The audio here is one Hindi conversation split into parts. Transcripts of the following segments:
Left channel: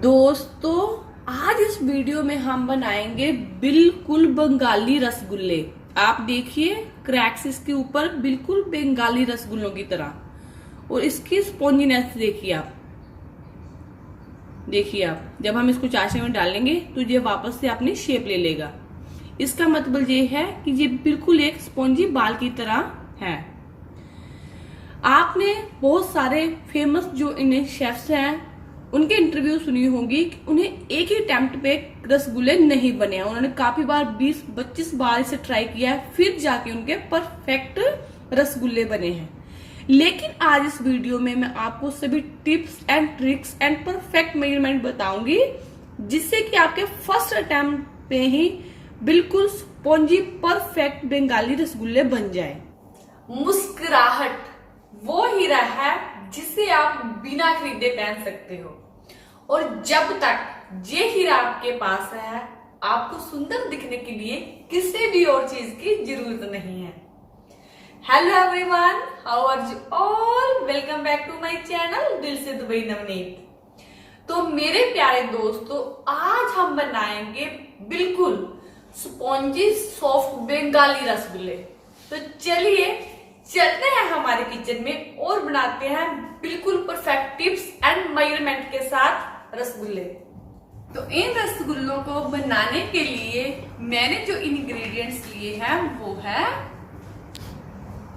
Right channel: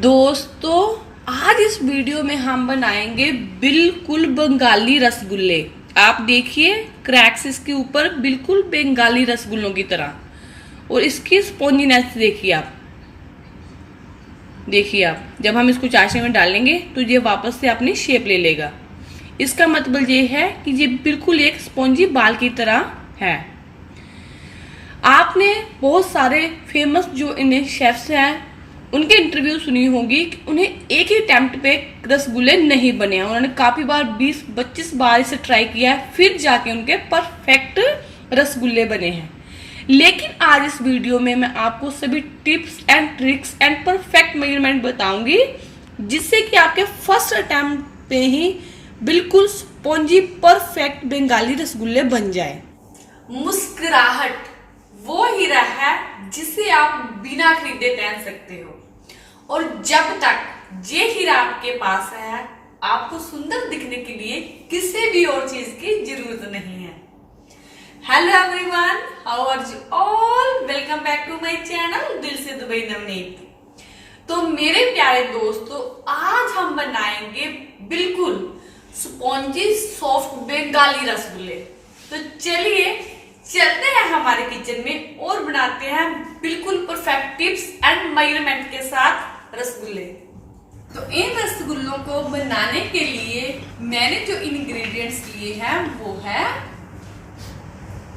दोस्तों, आज इस वीडियो में हम बनाएंगे बिल्कुल बंगाली रसगुल्ले। आप देखिए, क्रैक्स इसके ऊपर बिल्कुल बंगाली रसगुल्लों की तरह, और इसकी स्पॉन्जीनेस देखिए आप जब हम इसको चाशनी में डालेंगे तो ये वापस से अपनी शेप ले लेगा। इसका मतलब ये है कि ये बिल्कुल एक स्पॉन्जी बाल की तरह है। आपने बहुत सारे फेमस जो इन्हें शेफ्स हैं उनके इंटरव्यू सुनी होगी कि उन्हें एक ही अटेम्प्ट पे रसगुल्ले नहीं बने हैं। उन्होंने काफी बार 20-25 बार इसे ट्राई किया है, फिर जाके उनके परफेक्ट रसगुल्ले बने हैं। लेकिन आज इस वीडियो में मैं आपको सभी tips and tricks and perfect measurement बताऊंगी, जिससे कि आपके फर्स्ट अटेम्प्ट पे ही बिल्कुल स्पॉन्जी परफेक्ट बंगाली रसगुल्ले बन जाए। मुस्कुराहट वो हीरा है जिसे आप बिना खरीदे पहन सकते हो, और जब तक ये हीरा आपके पास है, आपको सुंदर दिखने के लिए किसी भी और चीज की जरूरत नहीं है। Hello everyone, how are you all? Welcome back to my channel Dil Se Dubai Navneet. तो मेरे प्यारे दोस्तों, आज हम बनाएंगे बिल्कुल स्पॉन्जी सॉफ्ट बंगाली रसगुल्ले। तो चलिए चलते हैं हमारे किचन में और बनाते हैं बिल्कुल परफेक्ट टिप्स एंड मेजरमेंट के साथ रसगुल्ले। तो इन रसगुल्लों को बनाने के लिए मैंने जो इंग्रेडिएंट्स लिए हैं वो है,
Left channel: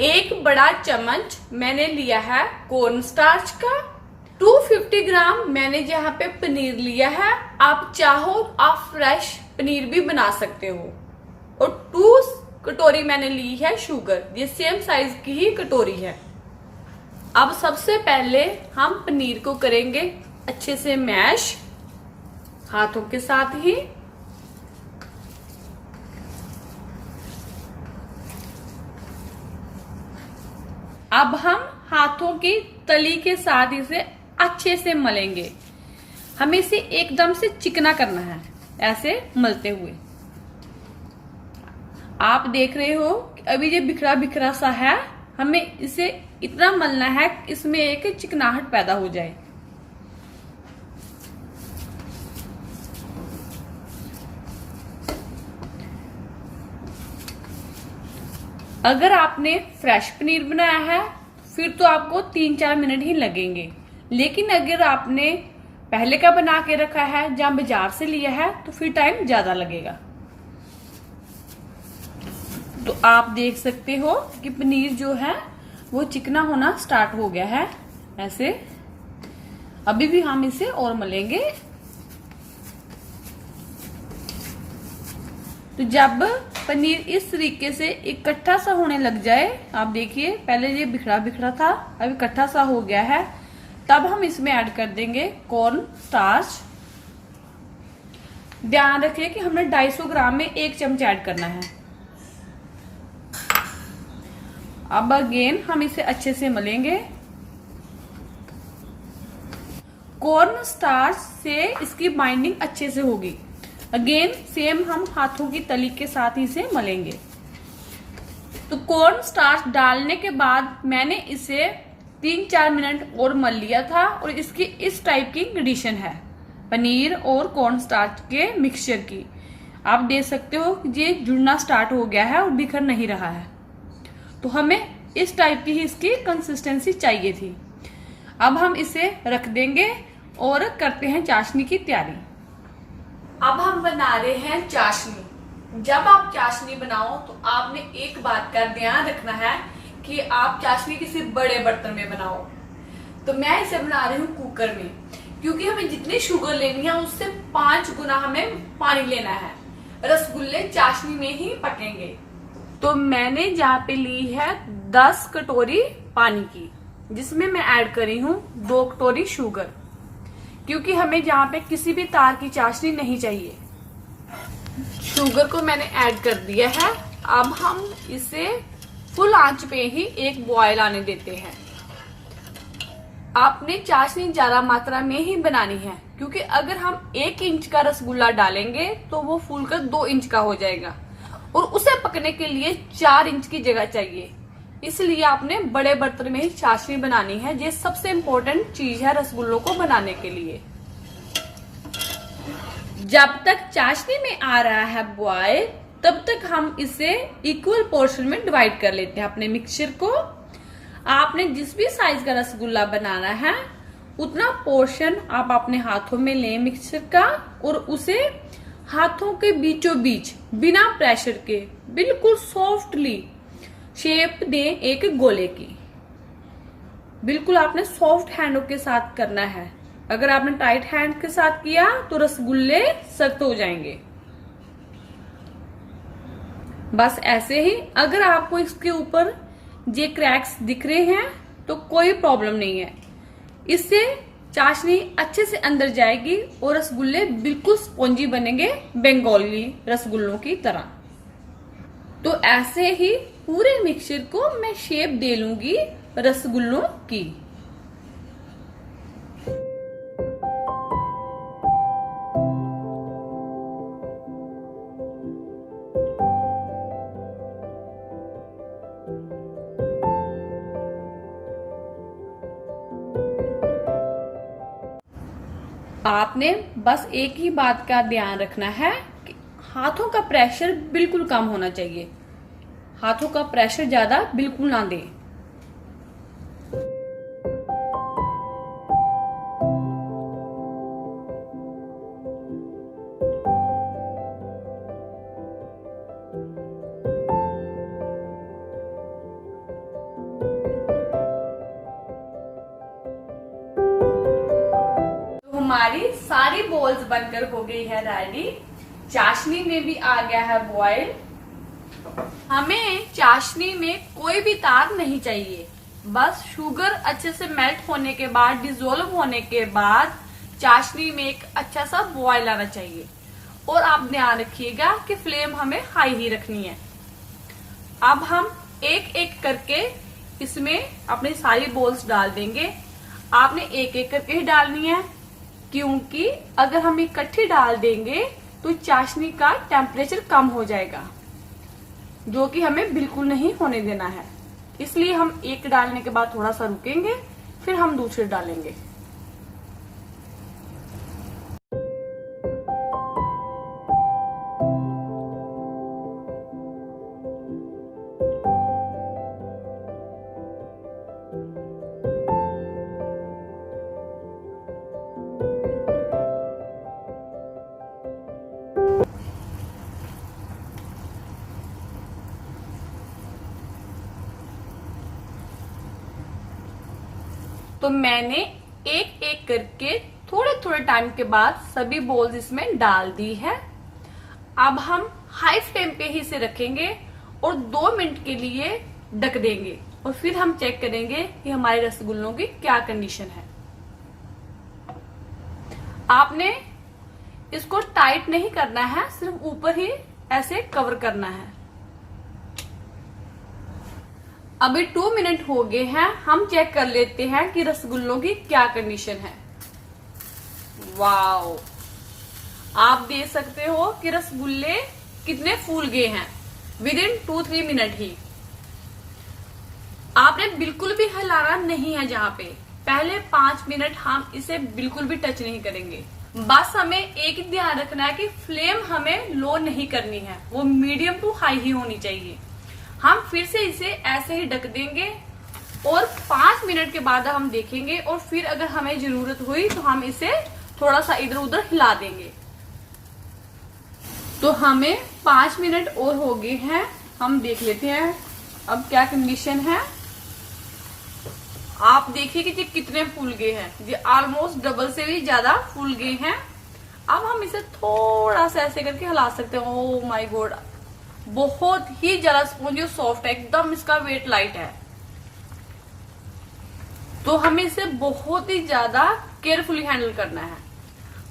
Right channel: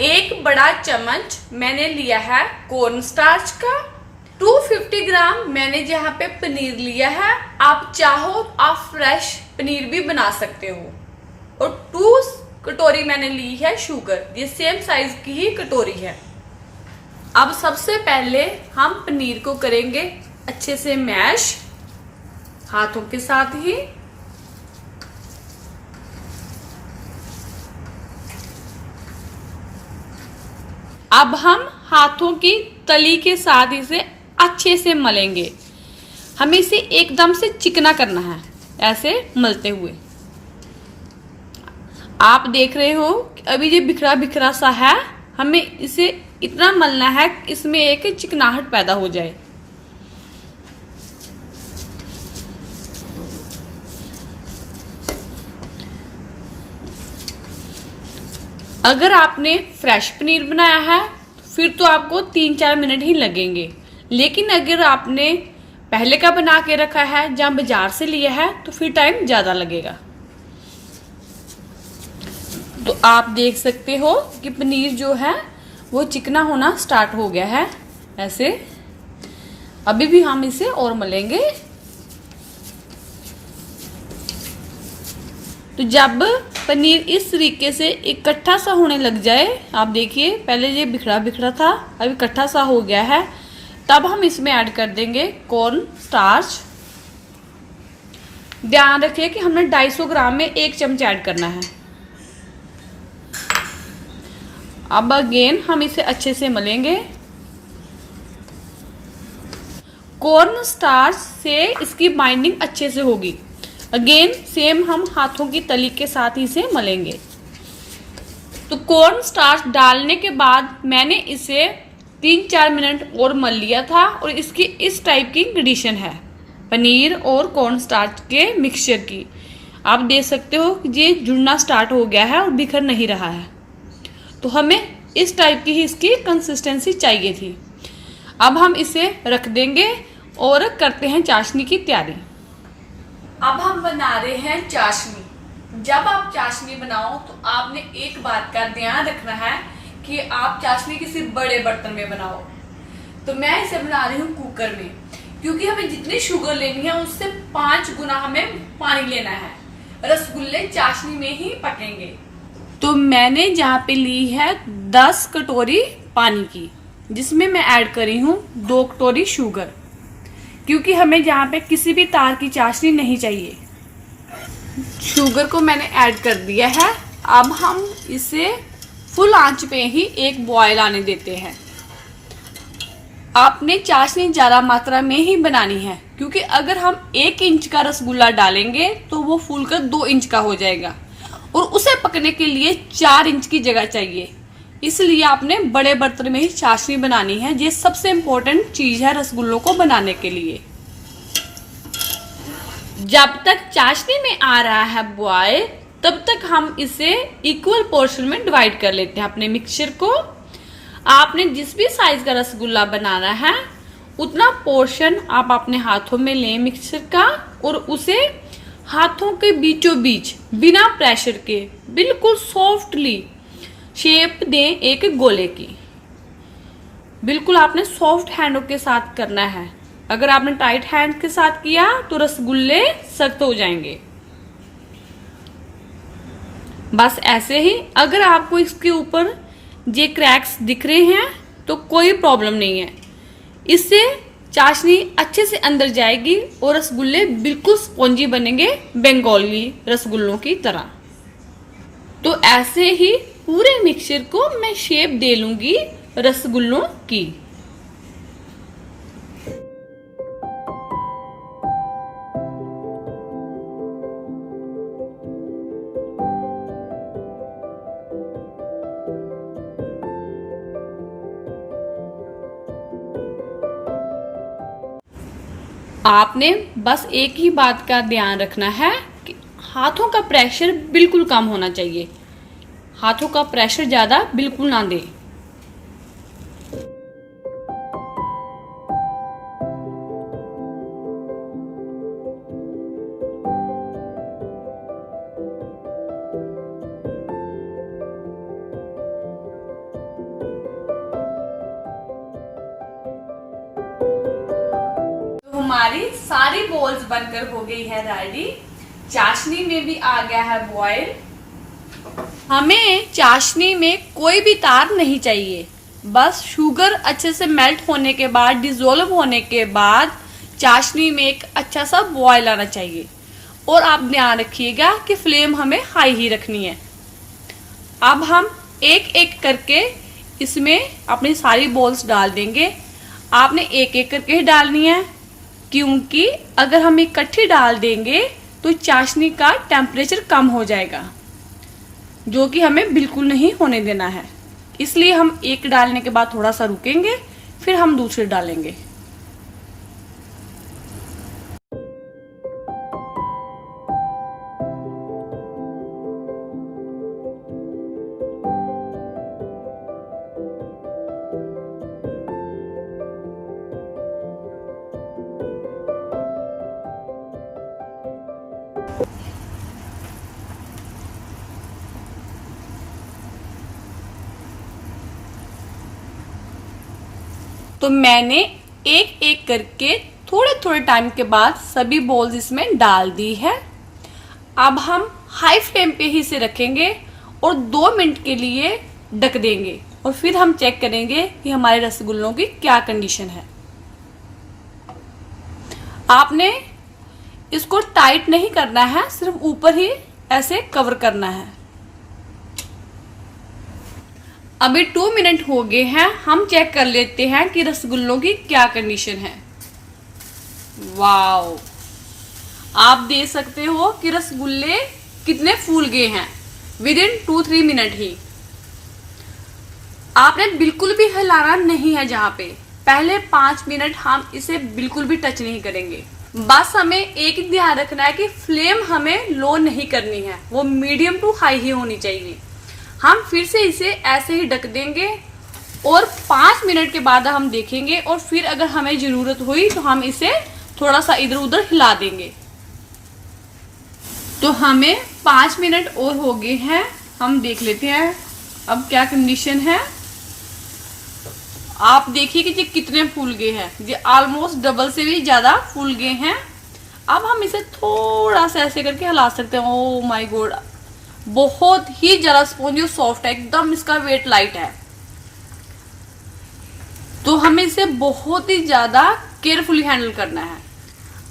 एक बड़ा चम्मच मैंने लिया है कॉर्न स्टार्च का, 250 ग्राम मैंने जहाँ पे पनीर लिया है। आप चाहो आप फ्रेश पनीर भी बना सकते हो, और 2 कटोरी मैंने ली है शुगर, ये सेम साइज की ही कटोरी है। अब सबसे पहले हम पनीर को करेंगे अच्छे से मैश हाथों के साथ ही। अब हम हाथों की तली के साथ इसे अच्छे से मलेंगे। हमें इसे एकदम से चिकना करना है, ऐसे मलते हुए। आप देख रहे हो कि अभी ये बिखरा बिखरा सा है, हमें इसे इतना मलना है कि इसमें एक चिकनाहट पैदा हो जाए। अगर आपने फ्रेश पनीर बनाया है फिर तो आपको 3-4 मिनट ही लगेंगे, लेकिन अगर आपने पहले का बना के रखा है जहां बाजार से लिया है तो फिर टाइम ज्यादा लगेगा। तो आप देख सकते हो कि पनीर जो है वो चिकना होना स्टार्ट हो गया है ऐसे। अभी भी हम इसे और मलेंगे। तो जब पनीर इस तरीके से इकट्ठा सा होने लग जाए, आप देखिए पहले ये बिखरा बिखरा था, अभी इकट्ठा सा हो गया है, तब हम इसमें ऐड कर देंगे कॉर्न स्टार्च। ध्यान रखिए कि हमने 250 ग्राम में 1 चम्मच ऐड करना है। अब अगेन हम इसे अच्छे से मलेंगे। कॉर्न स्टार्च से इसकी बाइंडिंग अच्छे से होगी। अगेन सेम हम हाथों की तली के साथ ही इसे मलेंगे। तो कॉर्न स्टार्च डालने के बाद मैंने इसे 3-4 मिनट और मल लिया था, और इसकी इस टाइप की कंडीशन है पनीर और कॉर्न स्टार्च के मिक्सचर की। आप देख सकते हो कि ये जुड़ना स्टार्ट हो गया है और बिखर नहीं रहा है। तो हमें इस टाइप की ही इसकी कंसिस्टेंसी चाहिए थी। अब हम इसे रख देंगे और करते हैं चाशनी की तैयारी। अब हम बना रहे हैं चाशनी। जब आप चाशनी बनाओ तो आपने एक बात का ध्यान रखना है कि आप चाशनी किसी बड़े बर्तन में बनाओ। तो मैं इसे बना रही हूँ कुकर में, क्योंकि हमें जितनी शुगर लेनी है उससे 5 गुना हमें पानी लेना है। रसगुल्ले चाशनी में ही पकेंगे। तो मैंने जहाँ पे ली है 10 कटोरी पानी की, जिसमें मैं ऐड करी हूँ 2 कटोरी शुगर, क्योंकि हमें जहाँ पे किसी भी तार की चाशनी नहीं चाहिए। शुगर को मैंने ऐड कर दिया है। अब हम इसे फुल आंच पे ही एक बॉयल आने देते हैं। आपने चाशनी ज्यादा मात्रा में ही बनानी है, क्योंकि अगर हम 1 इंच का रसगुल्ला डालेंगे तो वो फूलकर 2 इंच का हो जाएगा, और उसे पकने के लिए 4 इंच की जगह चाहिए। इसलिए आपने बड़े बर्तन में ही चाशनी बनानी है। ये सबसे इम्पोर्टेंट चीज है रसगुल्लों को बनाने के लिए। जब तक चाशनी में आ रहा है बॉयल, तब तक हम इसे इक्वल पोर्शन में डिवाइड कर लेते हैं अपने मिक्सचर को। आपने जिस भी साइज का रसगुल्ला बनाना है उतना पोर्शन आप अपने हाथों में लें मिक्सचर का, और उसे हाथों के बीचों बीच बिना प्रेशर के बिल्कुल सॉफ्टली शेप दें एक गोले की। बिल्कुल आपने सॉफ्ट हैंडों के साथ करना है। अगर आपने टाइट हैंड के साथ किया तो रसगुल्ले सख्त हो जाएंगे। बस ऐसे ही। अगर आपको इसके ऊपर ये क्रैक्स दिख रहे हैं तो कोई प्रॉब्लम नहीं है, इससे चाशनी अच्छे से अंदर जाएगी और रसगुल्ले बिल्कुल स्पॉन्जी बनेंगे, बंगाली रसगुल्लों की तरह। तो ऐसे ही पूरे मिक्सचर को मैं शेप दे लूंगी रसगुल्लों की। आपने बस एक ही बात का ध्यान रखना है कि हाथों का प्रेशर बिल्कुल कम होना चाहिए। हाथों का प्रेशर ज्यादा बिल्कुल ना दें। हमारी सारी बॉल्स बनकर हो गई है रेडी। चाशनी में भी आ गया है बॉयल। हमें चाशनी में कोई भी तार नहीं चाहिए, बस शुगर अच्छे से मेल्ट होने के बाद, डिसॉल्व होने के बाद चाशनी में एक अच्छा सा बॉयल आना चाहिए। और आप ध्यान रखिएगा कि फ्लेम हमें हाई ही रखनी है। अब हम एक एक करके इसमें अपनी सारी बॉल्स डाल देंगे। आपने एक एक करके ही डालनी है, क्योंकि अगर हम इकट्ठी डाल देंगे तो चाशनी का टेम्परेचर कम हो जाएगा, जो कि हमें बिल्कुल नहीं होने देना है। इसलिए हम एक डालने के बाद थोड़ा सा रुकेंगे, फिर हम दूसरे डालेंगे। तो मैंने एक एक करके थोड़े थोड़े टाइम के बाद सभी बॉल्स इसमें डाल दी है। अब हम हाई फ्लेम पे ही इसे रखेंगे और 2 मिनट के लिए ढक देंगे, और फिर हम चेक करेंगे कि हमारे रसगुल्लों की क्या कंडीशन है। आपने इसको टाइट नहीं करना है, सिर्फ ऊपर ही ऐसे कवर करना है। अभी 2 मिनट हो गए हैं। हम चेक कर लेते हैं कि रसगुल्लों की क्या कंडीशन है। वाओ, आप देख सकते हो कि रसगुल्ले कितने फूल गए हैं विद इन 2-3 मिनट ही। आपने बिल्कुल भी हिलाना नहीं है। जहां पे पहले 5 मिनट हम इसे बिल्कुल भी टच नहीं करेंगे। बस हमें एक ध्यान रखना है कि फ्लेम हमें लो नहीं करनी है, वो मीडियम टू हाई ही होनी चाहिए। हम फिर से इसे ऐसे ही ढक देंगे और 5 मिनट के बाद हम देखेंगे, और फिर अगर हमें जरूरत हुई तो हम इसे थोड़ा सा इधर उधर हिला देंगे। तो हमें 5 मिनट और हो गए हैं। हम देख लेते हैं अब क्या कंडीशन है। आप देखिए कि ये कितने फूल गए हैं। ये ऑलमोस्ट डबल से भी ज्यादा फूल गए हैं। अब हम इसे थोड़ा सा ऐसे करके हिला सकते हैं। ओह माय गॉड, बहुत ही ज्यादा स्पॉन्जी और सॉफ्ट है, एकदम इसका वेट लाइट है। तो हमें इसे बहुत ही ज्यादा केयरफुली हैंडल करना है।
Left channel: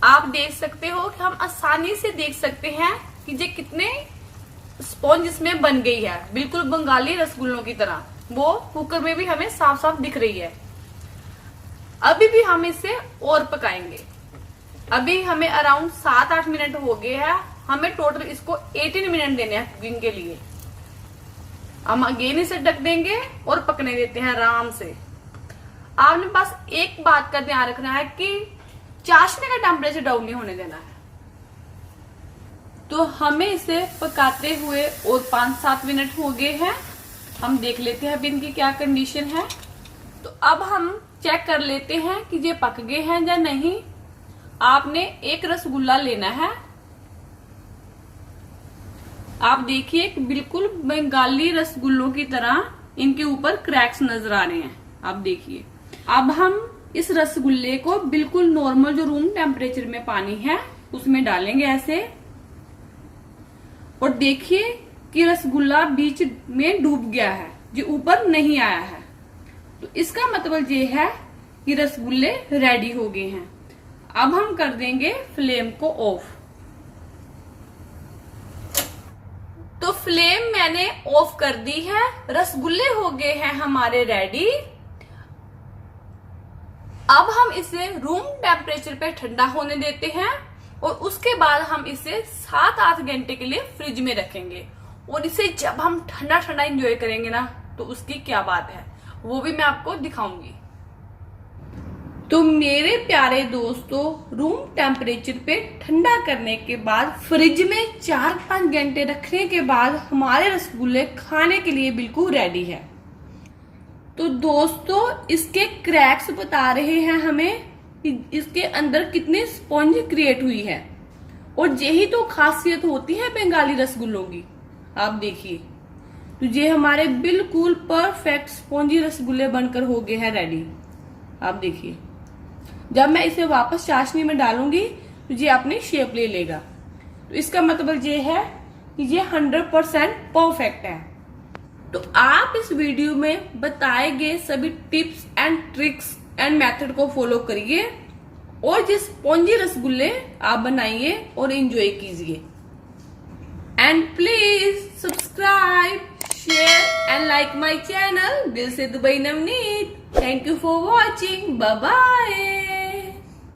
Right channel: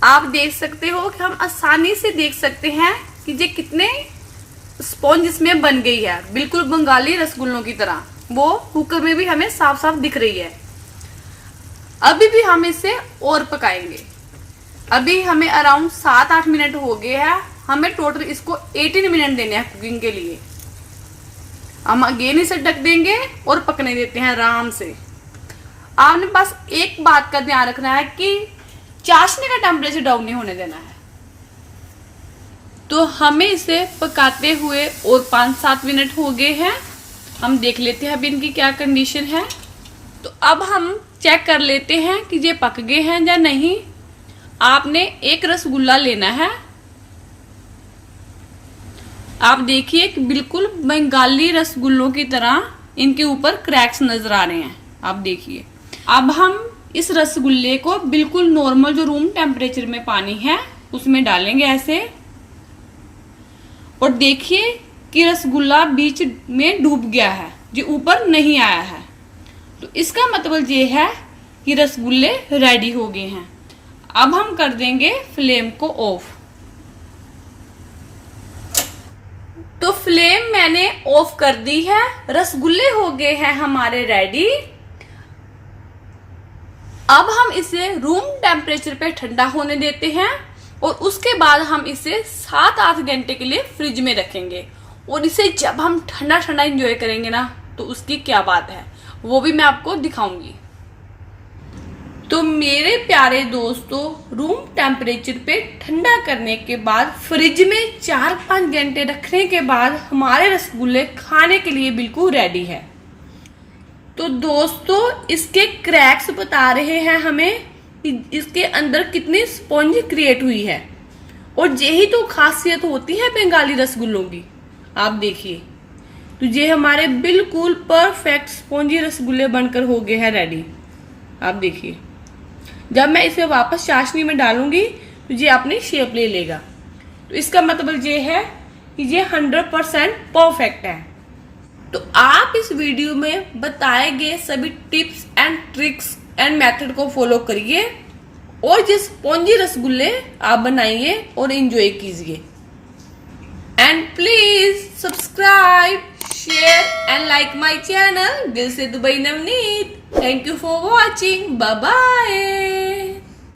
आप देख सकते हो कि हम आसानी से देख सकते हैं कि ये कितने स्पॉन्ज इसमें बन गई है, बिल्कुल बंगाली रसगुल्लों की तरह। वो कुकर में भी हमें साफ साफ दिख रही है। अभी भी हम इसे और पकाएंगे। अभी हमें अराउंड 7-8 मिनट हो गए हैं। हमें टोटल इसको 18 मिनट देने हैं कुकिंग के लिए। हम अगेन इसे ढक देंगे और पकने देते हैं आराम से। आपने बस एक बात का ध्यान रखना है कि चाशनी का टेम्परेचर डाउन नहीं होने देना है। तो हमें इसे पकाते हुए और 5-7 मिनट हो गए हैं। हम देख लेते हैं अभी इनकी क्या कंडीशन है। तो अब हम चेक कर लेते हैं कि ये पक गए हैं या नहीं। आपने एक रसगुल्ला लेना है। आप देखिए कि बिल्कुल बंगाली रसगुल्लों की तरह इनके ऊपर क्रैक्स नजर आ रहे हैं। आप देखिए। अब हम इस रसगुल्ले को बिल्कुल नॉर्मल जो रूम टेम्परेचर में पानी है उसमें डालेंगे ऐसे, और देखिए कि रसगुल्ला बीच में डूब गया है, जो ऊपर नहीं आया है। तो इसका मतलब ये है कि रसगुल्ले रेडी हो गए हैं। अब हम कर देंगे फ्लेम को ऑफ। तो फ्लेम मैंने ऑफ कर दी है। रसगुल्ले हो गए हैं हमारे रेडी। अब हम इसे रूम टेम्परेचर पे ठंडा होने देते हैं और उसके बाद हम इसे 7-8 घंटे के लिए फ्रिज में रखेंगे। और इसे जब हम ठंडा ठंडा एंजॉय करेंगे ना, तो उसकी क्या बात है, वो भी मैं आपको दिखाऊंगी। तो मेरे प्यारे दोस्तों, रूम टेम्परेचर पे ठंडा करने के बाद फ्रिज में 4-5 घंटे रखने के बाद हमारे रसगुल्ले खाने के लिए बिल्कुल रेडी है। तो दोस्तों, इसके क्रैक्स बता रहे हैं हमें कि इसके अंदर कितनी स्पॉन्ज क्रिएट हुई है। और यही तो खासियत होती है बंगाली रसगुल्लों की। आप देखिए, तो ये हमारे बिल्कुल परफेक्ट स्पॉन्जी रसगुल्ले बनकर हो गए हैं रेडी। आप देखिए, जब मैं इसे वापस चाशनी में डालूंगी तो ये अपनी शेप ले लेगा। तो इसका मतलब ये है कि ये 100% परफेक्ट है। तो आप इस वीडियो में बताए गए सभी tips and tricks and method को फॉलो करिए और जिस स्पॉन्जी रसगुल्ले आप बनाइए और एंजॉय कीजिए। And please subscribe, share and like my channel Dil Se Dubai Navneet. Thank you for watching. Bye bye.